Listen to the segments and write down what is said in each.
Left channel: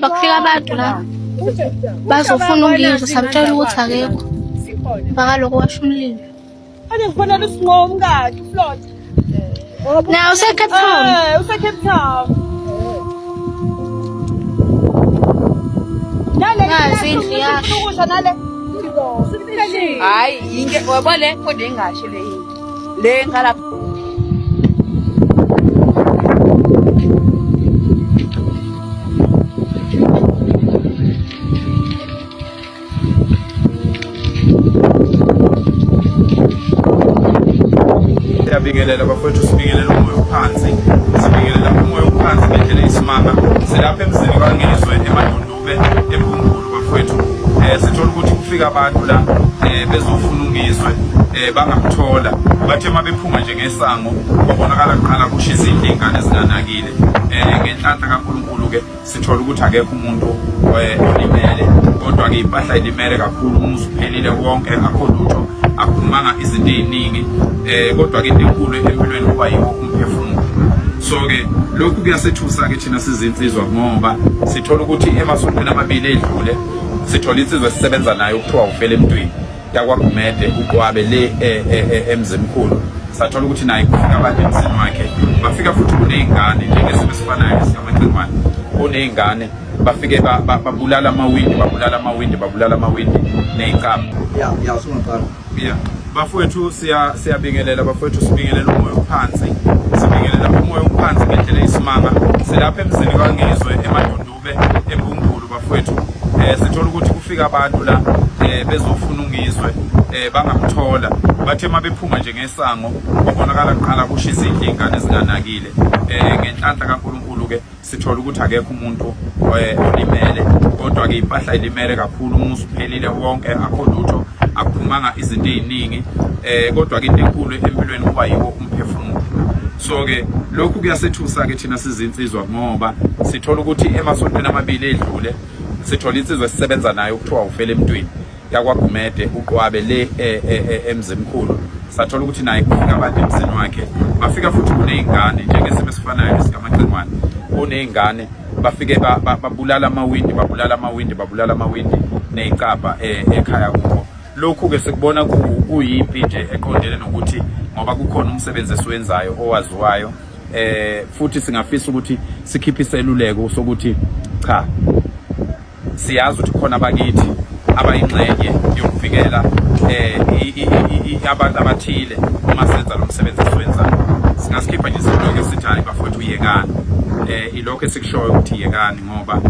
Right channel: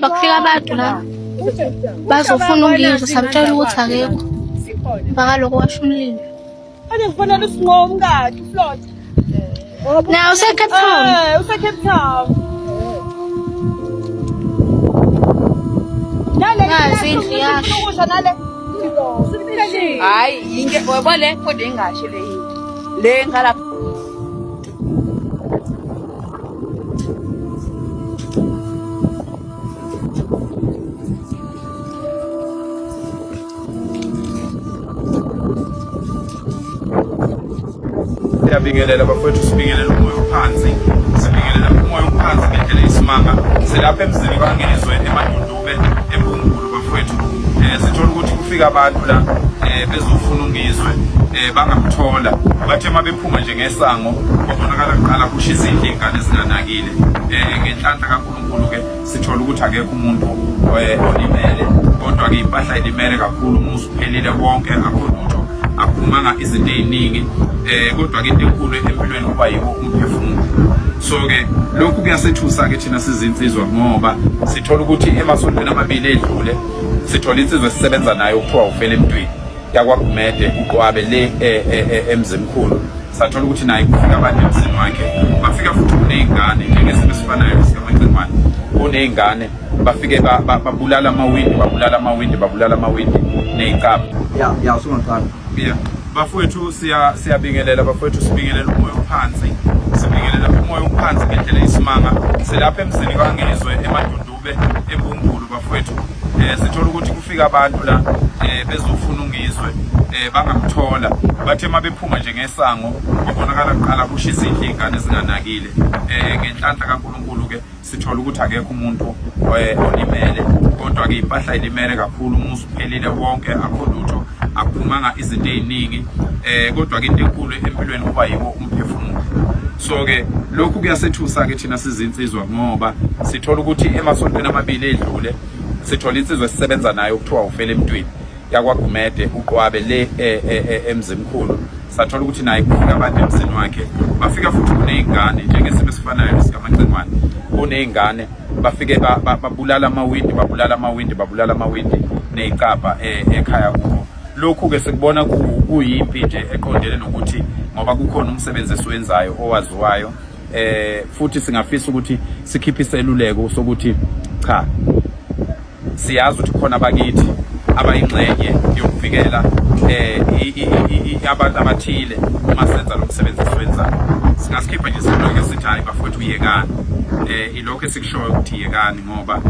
bakufika abantu la bazofuna ungizwa samtshela ukuthi akekho bakaloko washo umlilo. Ade ngifuna usinqomo kathi uFlot. Na useCape Town. UseCape Town. Nazi indlu yasho. Ukusha nale. Hayi, inge wabone kodwa ingasho le yini. Le ngala Siyabingelela bafowethu, sibingelela umoya ophansi, sibingelela umoya ophansi ngendlela isimanga. Silapha emzini kaNgizwe eMadundube eMpumalanga bafowethu. Sithola ukuthi kufika abantu la bezofuna ungizwe bangamthola. Bathe mabephuma nje ngesango babonakala kuqala kushisa izingane ezinganakile. Ngenhlanhla kaNkulunkulu ke sithola ukuthi akekho umuntu olimele, kodwa ke impahla ilimele kakhulu, umuzi uphelile wonke, akho lutho, akuphumanga izinto eziningi. Kodwa ke into enkulu empilweni kuba yiwo umphefumulo. So ke lokhu kuyasethusa ke thina sizinsizwa ngoba sithola ukuthi emasontweni amabili edlule sithola insizwe sisebenza nayo ukuthiwa ufele emntwini yakwaGumede uqwabe le emzimkhulu. Sathola ukuthi naye kufika abantu emzini wakhe, bafika futhi kunezingane njengesimo esifanayo sikaMacengwane, kunezingane bafike babulala amawindi ya sungaqala. Bafowethu siyabingelela bafowethu, sibingelela umoya ophansi, sibingelela umoya ophansi ngendlela isimanga. Silapha emzini kaNgizwe eMadundube eMpumalanga bafowethu. Sithola ukuthi kufika abantu la bezofuna ungizwe bangamthola. Bathe mabephuma nje ngesango babonakala kuqala kushisa izingane ezinganakile. Ngenhlanhla kaNkulunkulu ke sithola ukuthi akekho umuntu olimele, kodwa ke impahla ilimele kakhulu, umuzi uphelile wonke, akho lutho, akuphumanga izinto eziningi. Kodwa ke into enkulu empilweni kuba yiwo umphefumulo. So ke lokhu kuyasethusa ke thina sizinsizwa ngoba sithola ukuthi emasontweni amabili edlule sithola insizwe sisebenza nayo ukuthiwa ufele emntwini yakwaGumede uqwabe le emzimkhulu. Sathola ukuthi naye kufika abantu emzini wakhe, bafika futhi kunezingane njengesimo esifanayo sikaMacengwane, kunezingane bafike babulala amawindi nezicapha ekhaya kubo. Lokhu ke sikubona kuyimpi nje eqondene nokuthi ngoba kukhona umsebenzi esiwenzayo owaziwayo, futhi singafisa ukuthi sikhiphe iseluleko sokuthi cha, siyazi ukuthi khona abakithi abayingxenye yokuvikela abantu abathile uma senza lo msebenzi esiwenzayo. Singasikhipha nje iseluleko esithi hayi bafowethu uyekani. Ilokho esikushoyo ukuthi yekani ngoba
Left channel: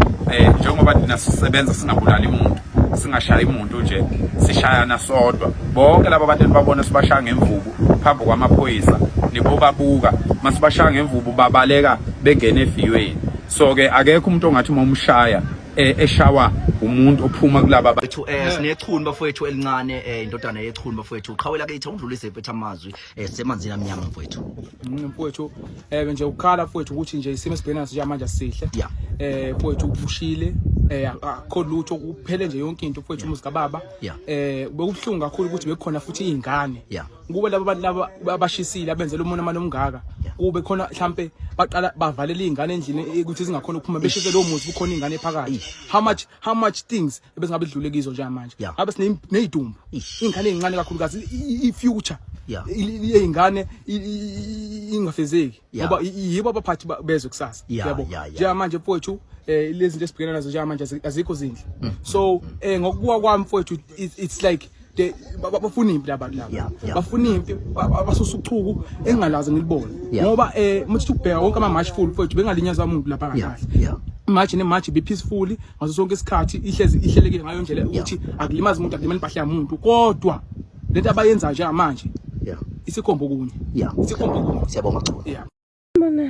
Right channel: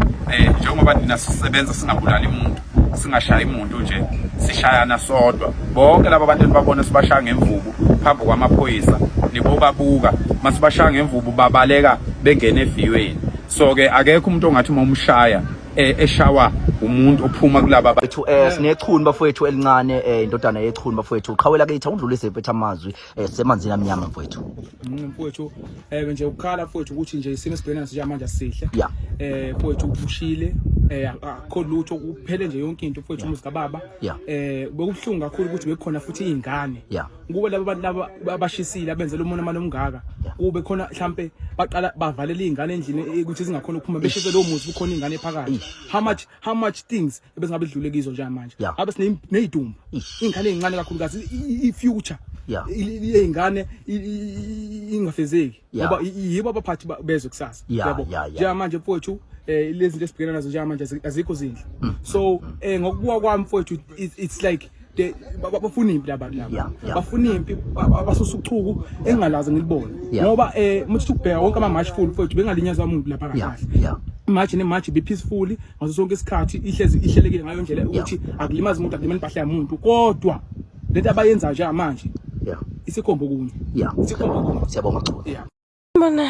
njengoba thina sisebenza singabulali umuntu, singashayi umuntu nje, sishayana sodwa. Bonke laba bantu enibabona sibashaya ngemvubu phambi kwamaphoyisa nibobabuka, masibashaya ngemvubu babaleka bengene eviyweni. So ke akekho umuntu ongathi umshaya eshawa umuntu ophuma kulaba Bethu sinechuni bafowethu elincane, indodana yechuni bafowethu. Uqhawela ke ithi undlulise ephethe amazwi semanzini amnyama mfowethu. Mfowethu nje ukukhala mfowethu ukuthi nje isimo esibhekana naso manje sihle. Mfowethu ubushile, akho lutho, kuphele nje yonke into mfowethu, umuzi kaBaba. Bekubhlungu kakhulu ukuthi bekhona futhi izingane. Kube laba bantu laba abashisile abenzela umuntu amane omngaka. Kube khona mhlambe baqala bavalele izingane endlini ukuthi zingakhona ukuphuma, beshise lo muzi kukhona izingane ephakathi. How much things ebezingabe idlule kizo nje manje. Abe sinezidumbu, izingane ezincane kakhulu kazi i-future iy'ngane ingafezeki ngoba yibo abaphathi bezwe kusasa. Yabo njengamanje mfowethu lezi zinto esibhekana nazo njengamanje azikho zinhle. So ngokubuka kwami mfowethu it's like bafuna impi labantu laba, bafuna impi, abasusuchuku engingalazi ngilibone ngoba muthi ukubheka wonke ama-march full mfowethu bengalinyazwa umuntu lapha kahle. Imagine be peacefully ngaso sonke isikhathi, ihlelekile ngayo ndlela ukuthi akulimazi umuntu, akulimani impahla yamuntu, kodwa lento abayenza nje manje isikhombo kunye. Siyabonga Chuni.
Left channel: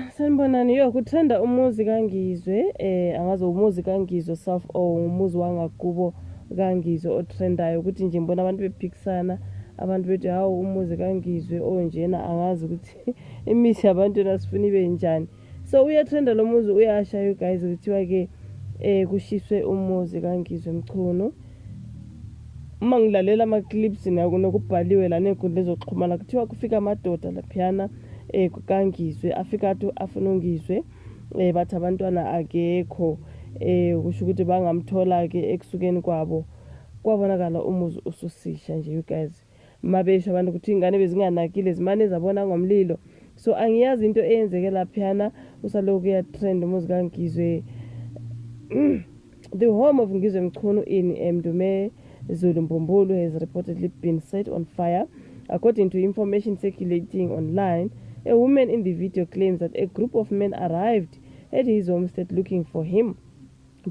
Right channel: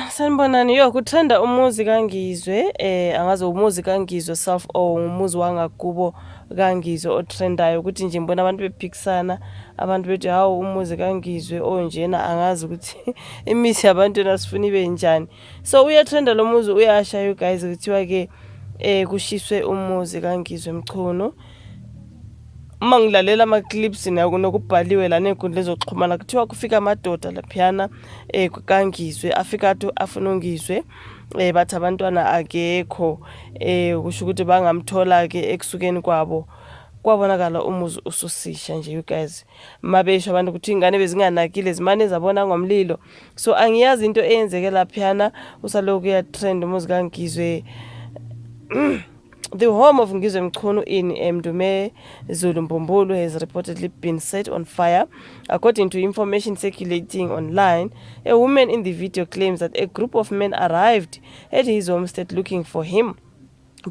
Sanibonani kuthanda umuzi kaNgizwe, angaze umuzi kaNgizwe self or umuzi wangakubo kaNgizwe otrendayo ukuthi nje mbona abantu bephikisana, abantu bethi hawo umuzi kaNgizwe onjena, angazi ukuthi imisi yabantu nasifuna ibe njani. So uyatrenda lo muzi, uyasha you guys kuthiwa ke kushiswe umuzi kaNgizwe Mchunu. Mangilalela ama clips nokubhaliwe la nenkundla ezoxhumana kuthiwa kufika amadoda laphiyana kaNgizwe afika afuna ungizwe bathi abantwana akekho kusho ukuthi bangamthola ke ekusukeni kwabo. Kwabonakala umuzi ususisha nje you guys. Mabesho abantu ukuthi ingane bezinganakile zimane zabona ngomlilo. So angiyazi into eyenzeke laphana usaloku ya trend umuzi kaNgizwe. The home of Ngizwe Mchunu in Mdume Zulu Mbumbulu has reportedly been set on fire. According to information circulating online, a woman in the video claims that a group of men arrived at his homestead looking for him.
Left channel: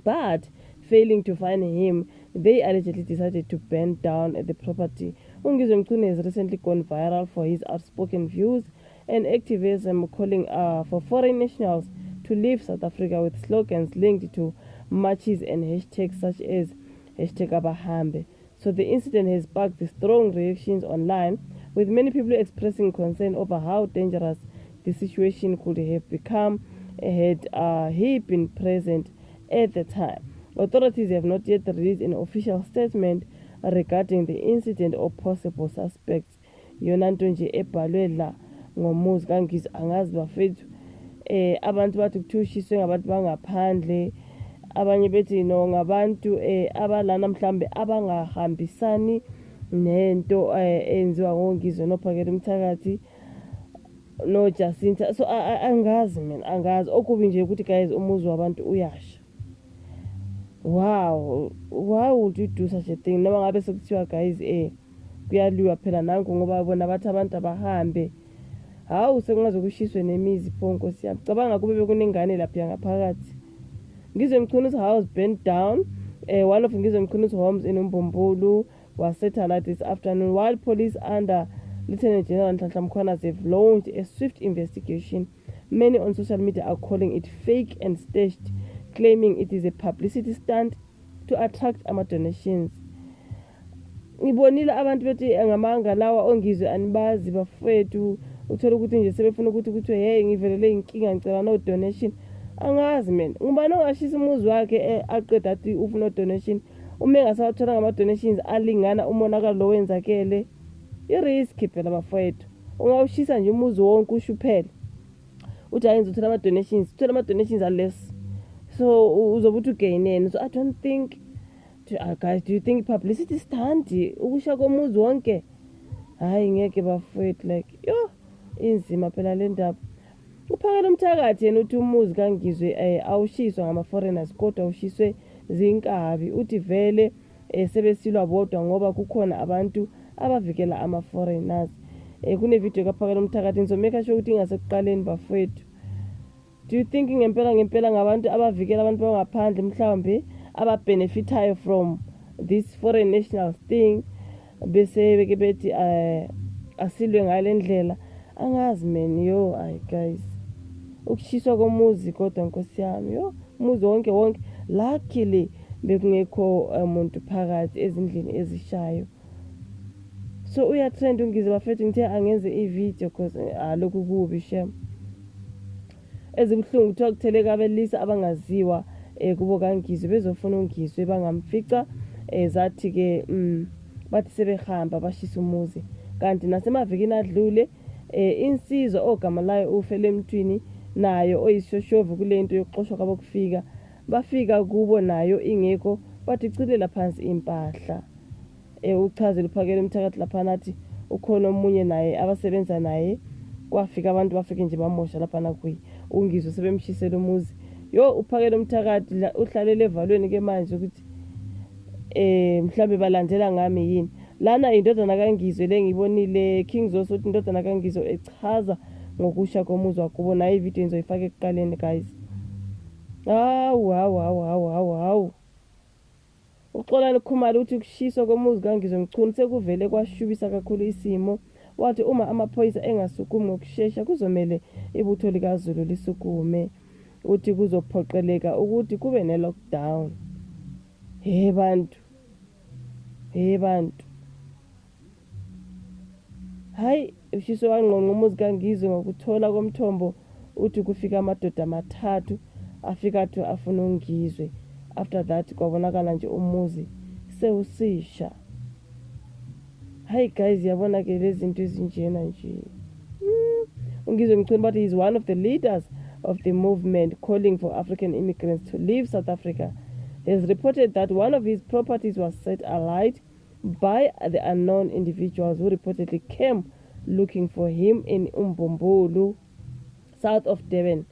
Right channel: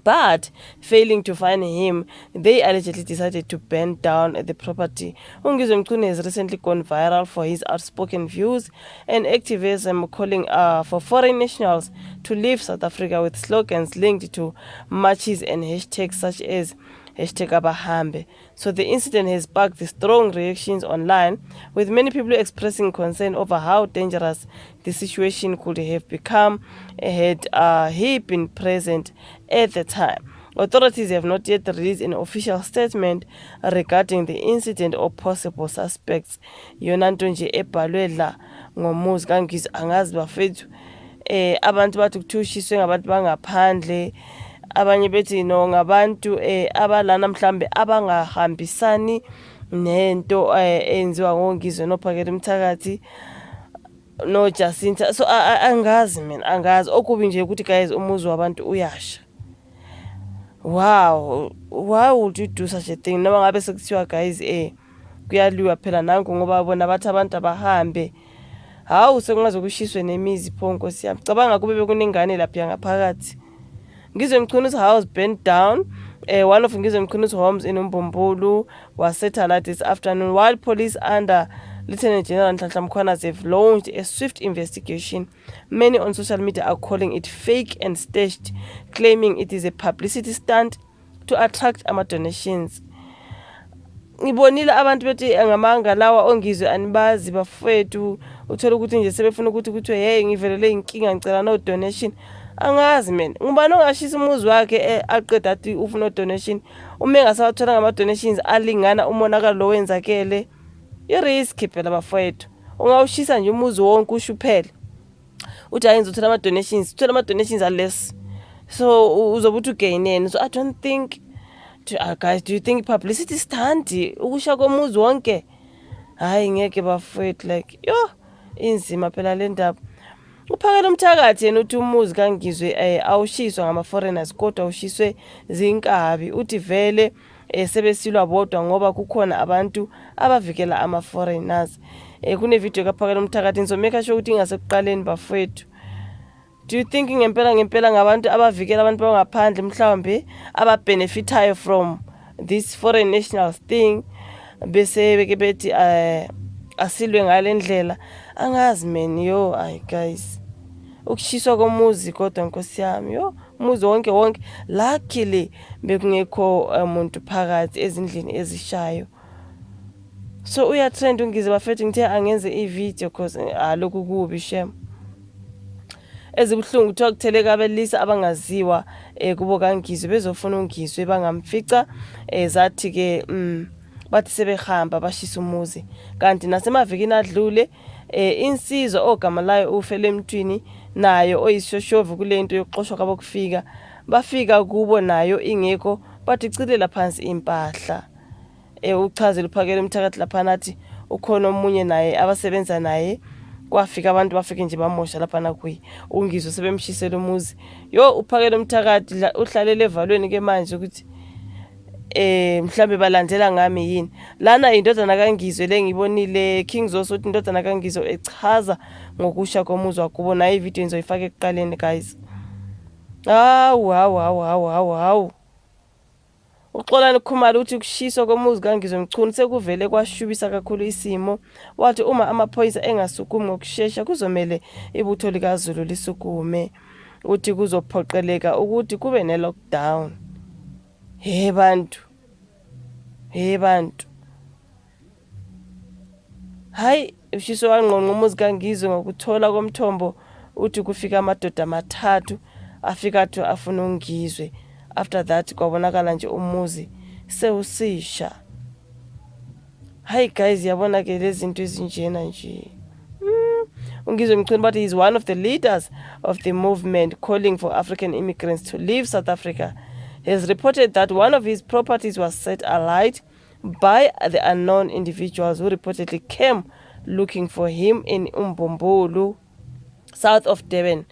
But failing to find him, they allegedly decided to burn down the property. Ngizwe Mchunu has recently gone viral for his outspoken views and activism calling for foreign nationals to leave South Africa with slogans linked to marches and hashtags such as #Abahambe. So the incident has sparked strong reactions online, with many people expressing concern over how dangerous the situation could have become had he been present at the time. Authorities have not yet released an official statement regarding the incident or possible suspects. Yona nto nje ebhalwe la ngomuzi kaNgizwe angazi bafethu abantu bathi kuthishiswe ngabantu bangaphandle, abanye bethi no ngabantu abalana mhlambe abangahambisani nento enziwa ngoNgizwe nophakela Mthakathi no Jacinta. So angazi mina, angazi okubi nje ukuthi guys umuzi wabantu uyasha. Wow, why would you do such a thing? Noma ngabe sekuthiwa guys kuyaliwa phela nanku ngoba bona bathi abantu abahambe. Hawu sekungaze kushiswe nemizi pho Nkosi yami. Cabanga kube bekuningane lapha ngaphakathi. Ngizwe Mchunu's house burnt down. One of Ngizwe Mchunu's homes in Umbumbulu was set alight this afternoon, while police under Lieutenant General Nhlanhla Mkhwanazi have launched a swift investigation. Many on social media are calling it fake and staged, claiming it is a publicity stunt to attract donations. Ngibonile abantu bethi ngamanga lawa ongizwe anibazi bafethu uthola ukuthi nje sebefuna ukuthi kuthiwe hey ngivelele inkinga ngicela no donation. Angazi mina ngubani ongashisa umuzi wakhe aqeda athi ufuna donation uma engasawathola ngama donations alingana umonakalo lo wenzakele. I-risk phela bafethu ungawushisa nje umuzi wonke ushuphele uthi ayenza uthola ama donations, uthola ama donations less, so uzobuthi ugainene. So I don't think guys, do you think publicity stunt ukusha komuzi wonke? Hayi ngeke bafethu, like yo inzima phela le ndaba. Uphakela Mthakathi yena uthi umuzi kaNgizwe awushiswa ngama foreigners kodwa awushiswe zinkabi. Uthi vele sebesilwa bodwa ngoba kukhona abantu abavikela ama foreigners. Kune video kaphakela Mthakathi ngizomeka sure ukuthi ingasekuqaleni bafethu. Do you think ngempela ngabantu abavikela abantu bangaphandle mhlawumbe ababenefitayo from this foreign nationals thing bese beke bethi asilwe ngale ndlela? Angazi man yo. Ay guys, ukushiswa komuzi kodwa Nkosi yami yo umuzi wonke luckily bekungekho umuntu phakathi ezindlini ezishayo. So uya trend ungize bafethu ngithe angenze i-video cause lokhu kubi shem. Ezibhlungu kuthiwa kutheleka abelisa abangaziwa kubo kaNgizwe bezofuna uNgizwe bangamfica zathi ke bathi sebehamba bashisa umuzi. Kanti nasemavikini adlule insizwa ogama layo ufele emthwini nayo oyishoshovu kule into yokuxoshwa kwabo kufika bafika kubo nayo ingekho bathi cilela phansi impahla. Uchazela uphakela Mthakathi lapha nathi ukhona omunye naye abasebenza naye kwafika abantu bafike nje bamosha lapha nakuyi uNgizwe sebemshisela umuzi. Yo uphakela Mthakathi uhlalele evalweni ke manje ukuthi mhlambe balandela ngami yini lana indodana kaNgizwe lengibonile King Zoso uthi indodana kaNgizwe echaza ngokusha komuzi wakubo na ivideo nizoyifaka ekuqaleni guys. Hawu uXolani Khumalo uthi kushiswa komuzi kaNgizwe Mchunu sekuvele kwashubisa kakhulu isimo. Wathi uma amaphoyisa engasukumi ngokusheshsha kuzomela ibutho likaZulu lisukume. Uthi kuzophoqeleka ukuthi kube ne lockdown. Hey bantu. Hayi ushiso wangqonqa umuzi kaNgizwe ngokuthola komthombo uthi kufika amadoda amathathu afika athi afuna uNgizwe. After that kwabonakala nje umuzi sewusisha. Hayi guys yabona ke lezi zinto ezinjena nje. uNgizwe Mchunu, but he's one of the leaders of the movement calling for African immigrants to leave South Africa. He has reported that one of his properties was set alight by the unknown individuals who reportedly came looking for him in Umbombulu, south of Durban.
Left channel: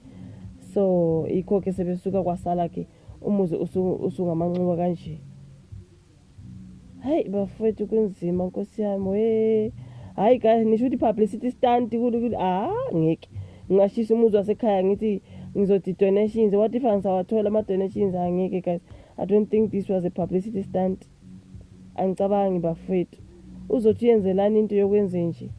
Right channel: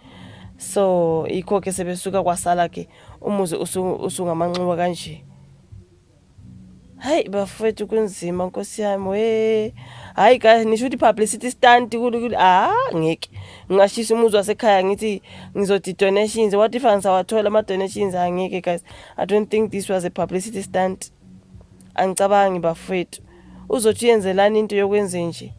So ikho ke sebesuka kwasala ke umuzi usungamanxiwa kanje. Hayi bafethu kunzima Nkosi yami we. Hayi guys nisho ukuthi publicity stunt ngeke. Ngashisa umuzi wasekhaya ngithi ngizodi donations. What if angisawathola ama donations angeke guys. I don't think this was a publicity stunt. Angicabangi bafethu. Uzothi yenzelani into yokwenza nje.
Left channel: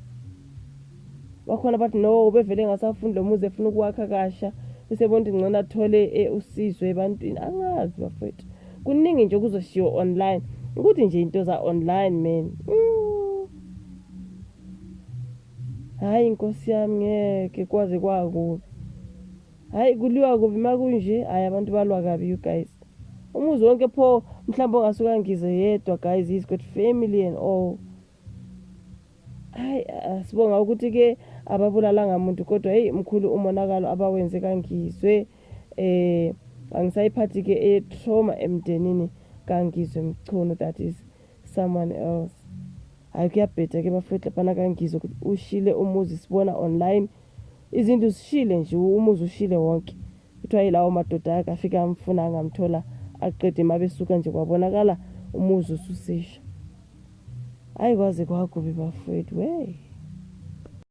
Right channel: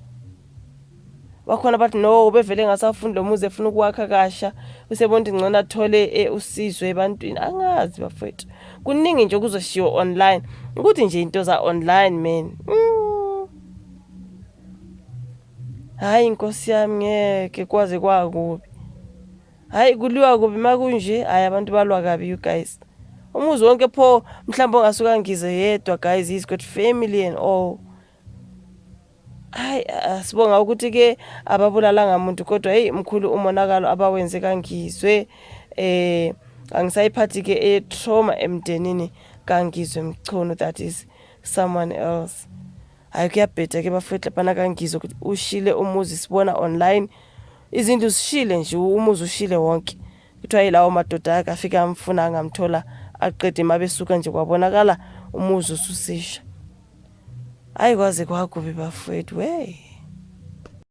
Bakhona bathi no bevele ngasafunda lo muzi efuna ukwakha kasha usebona ingcono athole usizwe ebantwini angazi bafethu kuningi nje kuzoshiwo online ukuthi nje into za online man hayi Nkosi yami ngeke kwaze kwakubi hayi kuliwa kubi makunje hayi abantu balwa kabi you guys umuzi wonke pho mhlawumbe ongasuka ngize yedwa guys he's got family and all. Hayi sibonga ukuthi ke ababulalanga umuntu kodwa hey mkhulu umonakalo abawenze kaNgizwe angisayiphathi ke trauma emdenini kaNgizwe Mchunu, that is someone else. Hayi kuyabhetha ke bafethu lapha kaNgizwe ukuthi ushile umuzi sibona online izinto zishile nje umuzi ushile wonke kuthiwa yilawo madoda akhe afika amfuna ngamthola aqede mabesuka nje kwabonakala umuzi ususisha. Hayi kwaze kwakubi bafethu we.